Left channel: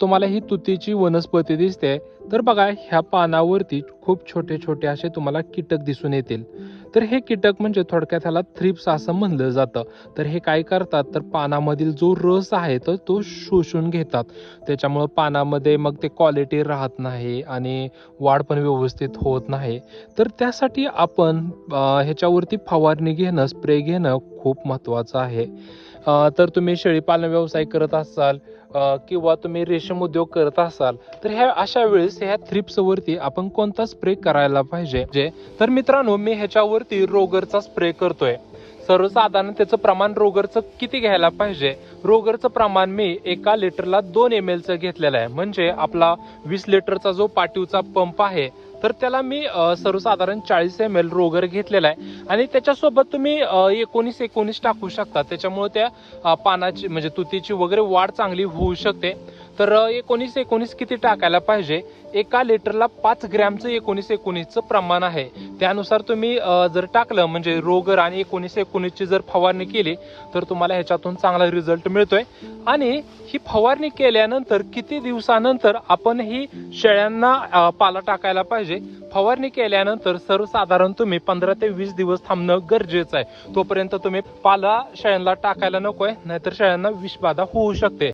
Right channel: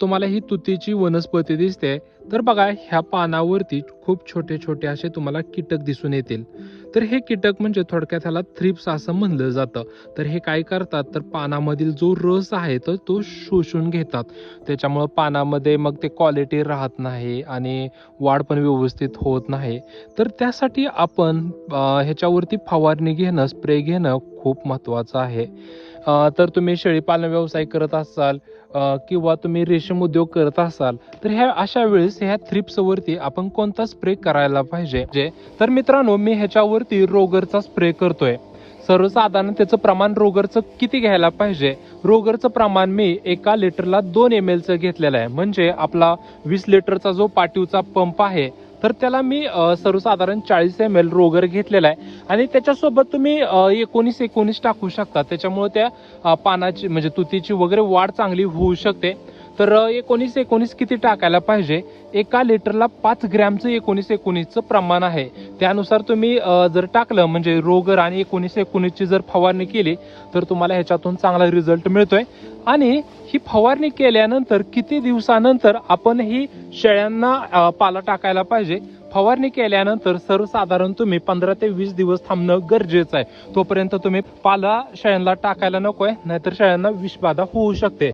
तुम्हाला ही तुतीची वनस्पती दिसते. तर बघा ह्या पानावरती खूप छोटे छोटे असे तुम्हाला कीटक दिसून येतील. तर हे कीटक म्हणजे थोडक्यात ह्याला थ्रिप्स असं म्हणलं जातं. तर हे काय करतात? तर पानामधील जो रस आहे तर तो शोषून घेतात. त्याच्यामुळं पानामध्ये मग ते क्वालिटी राहत नाही आणि वाढ पण व्यवस्थित होत नाही. तर त्यासाठी आपण ह्याच्यावरती फवारणी घेणं स्प्रे घेणं खूप महत्त्वाचं आहे. तर तुम्ही शेळीपालन व्यवसाय करत असाल किंवा तुम्ही रेशीम उद्योग करत असाल तर ह्या अशा वेळेस ह्या थ्रिप्स वरती आपण कोणता स्प्रे करायला पाहिजे? जे तर मित्रांनो मी ह्याच्यावरती रोगरचा स्प्रे करतोय. सर्वसाधारण त्याचं प्रमाण रोगरचं किती घ्यायला पाहिजे? रोगरचं प्रमाण मी एका लिटरला दोन एम एलचं घेतलेलं आहे. म्हणजे आपला वीस लिटरचा जो पाटीवचा पंप आहे तर त्याला मी सर्वसाधारण चाळीस एम एल रोगर घेतलेला आहे. आणि त्याच्यासोबत तुम्ही एकोणीस एकोणीस टाकू शकता. त्याच्यामुळे त्या पानाची म्हणजे तुतीची वगैरे वाढ चांगली होऊ शकते. तर एकोणीस एकोणीस किती टाकायला पाहिजे? एका लिटरला पाच ग्रॅमचं एकोणीस एकोणीसचं प्रमाण आहे. त्यानुसार तुम्ही जर टाकलं म्हणजे रोगर आणि एकोणीस एकोणीसची जर फवारणी केली तर तुम्हाला ह्याच्यातून चांगला रिझल्ट मिळतोय. आणि ही फवारणी केल्यानंतर किती दिवसानंतर आपण ही शेळ्यांना पाला टाकायला पाहिजे? फवारणी केल्यानंतर सर्वसाधारण तुम्ही पंधरा ते वीस दिवस थांबणं गरजेचं आहे. तोपर्यंत तुम्ही पाला शेळ्यांना टाकायला नकोय नाहीतर शेळ्यांना विषबाधा होऊ शकते.